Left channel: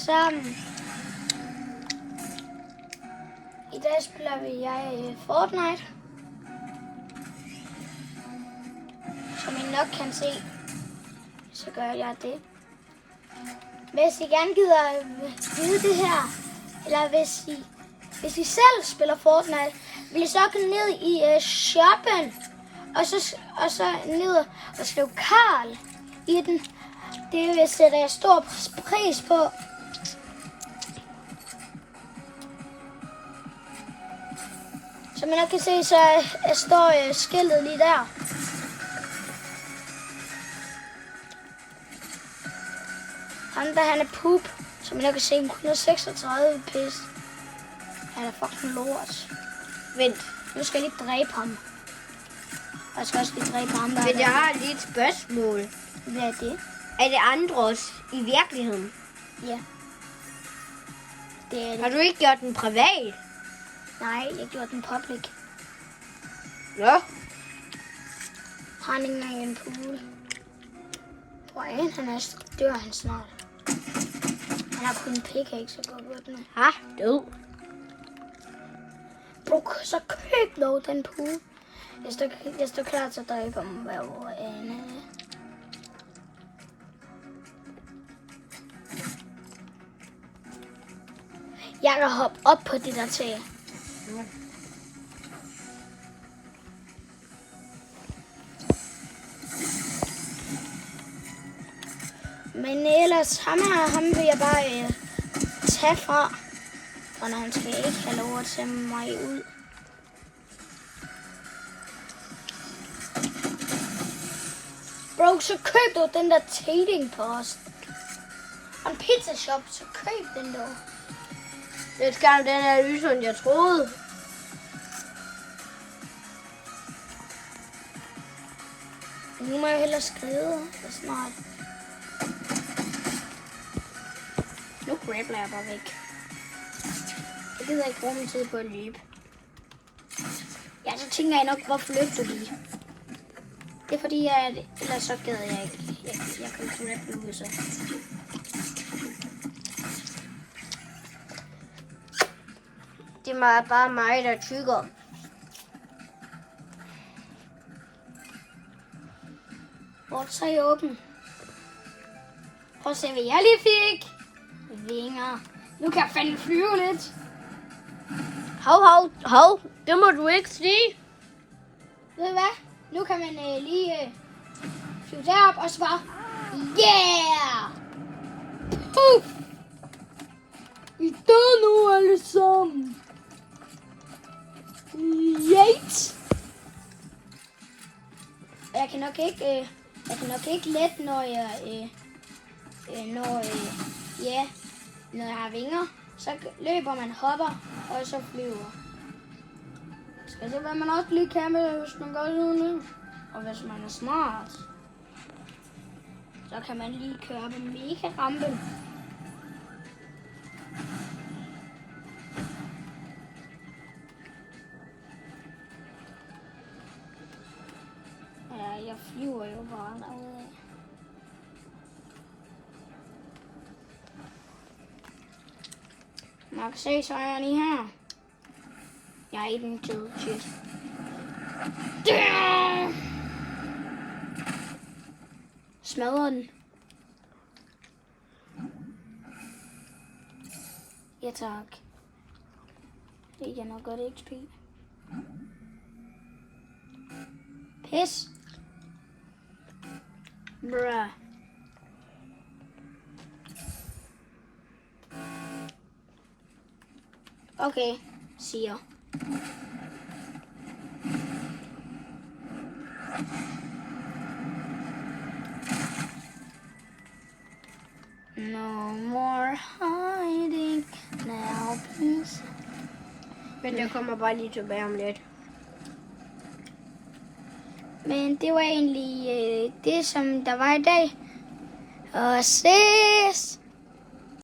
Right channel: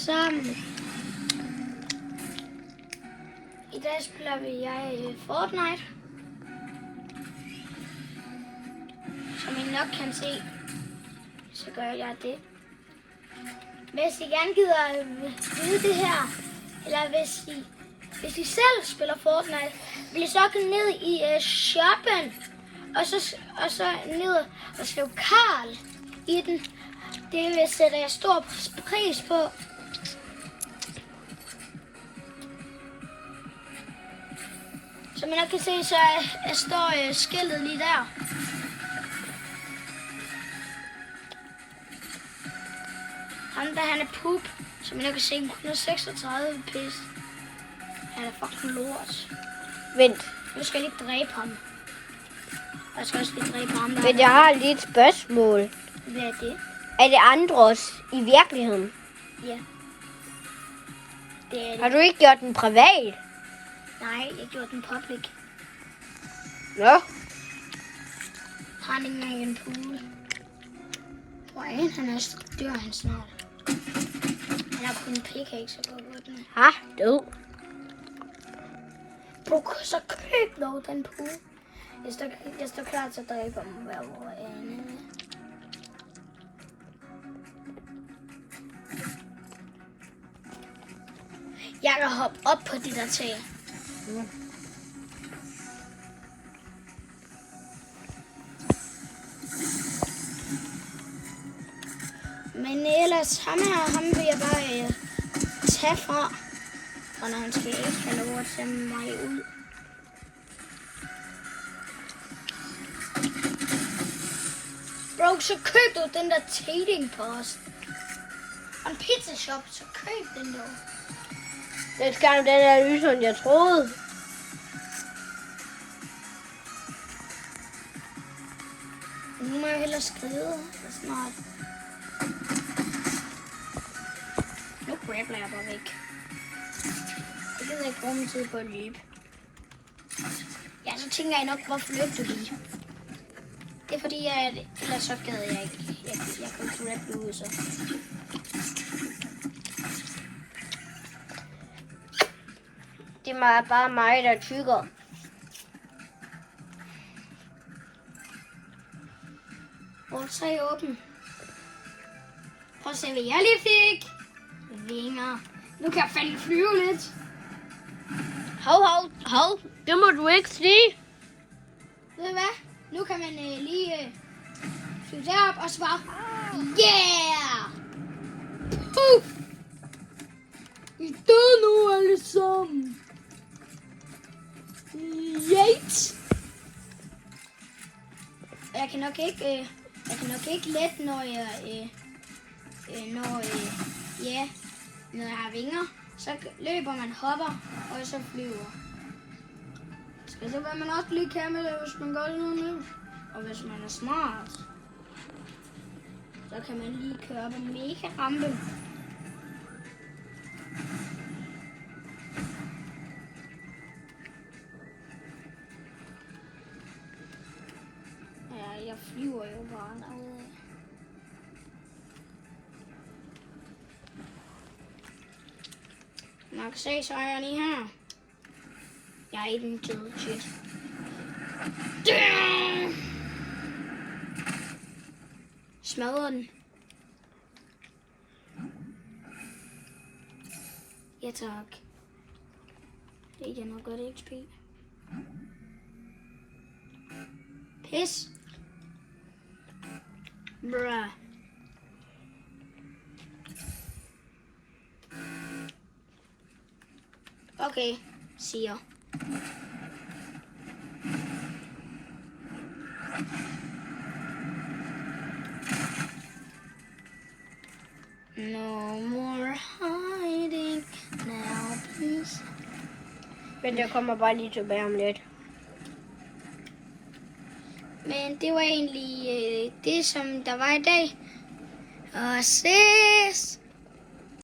alle sammen. I dag spiller jeg Fortnite. Som I nok kan se, så gør jeg det. Hvis I gerne gider vide det her, eller hvis I selv spiller Fortnite, vil I så gå ned i shoppen, og så ned og skrive Karl i den. Det vil sætte jeg stor pris på. Som man kan se, så står skiltet lige der. Ham der, han er poop, som man kan se, 136 pis. Han er fucking lort. Vent. Nu skal jeg lige dræbe ham. Jeg skal også lige dræbe ham der. Men jeg har lige et spørgsmål. Hvad er det? Er det Andros i virkeligheden? Ja. Det er Har du ikke gjort den privat? Nej, jeg gjorde den public. Nå. Han er ikke engang en pool. Brian, dør han snart. Han har kun en pickaxe, så går det med. Ha, du. Bro, så køb dog den pool. Jeg står klar til at dræbe ham hver år. Jeg kan hoppe op på det der tag. Ja. Men ellers, ham vil jeg bare tage fra. Og når han skal ikke have lov at tage mig ud. Bro, så køb du den der trading post. Og en pizza shop, så køb den der. Det skal den er lyse, end jeg troede. Nu må jeg hellere skrive snart. Nu grappler jeg bare væk. Jeg gider ikke bruge min tid på at løbe. Ja, så tænker jeg nok, hvorfor løb du lige? Det er fordi, ellers så gider jeg ikke. Jeg kommer til at løbe ud, så. Det er bare mig, der tykker. Hvor så er jeg åben? Prøv at se, hvad jeg lige fik. Vinger. Nu kan jeg fandme flyve lidt. Hov. Det må du ikke sige. Ved du hvad? Nu kan man lige flyve derop og så bare. Yeah! Puff! I døde nu alle sammen. Yeet! Jeg kan nok ikke lette, når jeg har vinger. Så løber man, hopper og så flyver. Skal det, hvad man også lige kan med, hvis man gør sådan noget. Og hvis man er smart, så kan man lige køre på mega rampe. Ja, jeg flyver jo bare derudad. Man kan se, så er jeg lige her. Jeg er i den tid, shit. Smadrer den. Ja tak. Det er nok godt XP. Pis. Bruh. Okay, siger. No more hiding now, please. Men jeg kommer bare lige tilbage om lidt. Men det var egentlig det, som der var i dag. Og ses!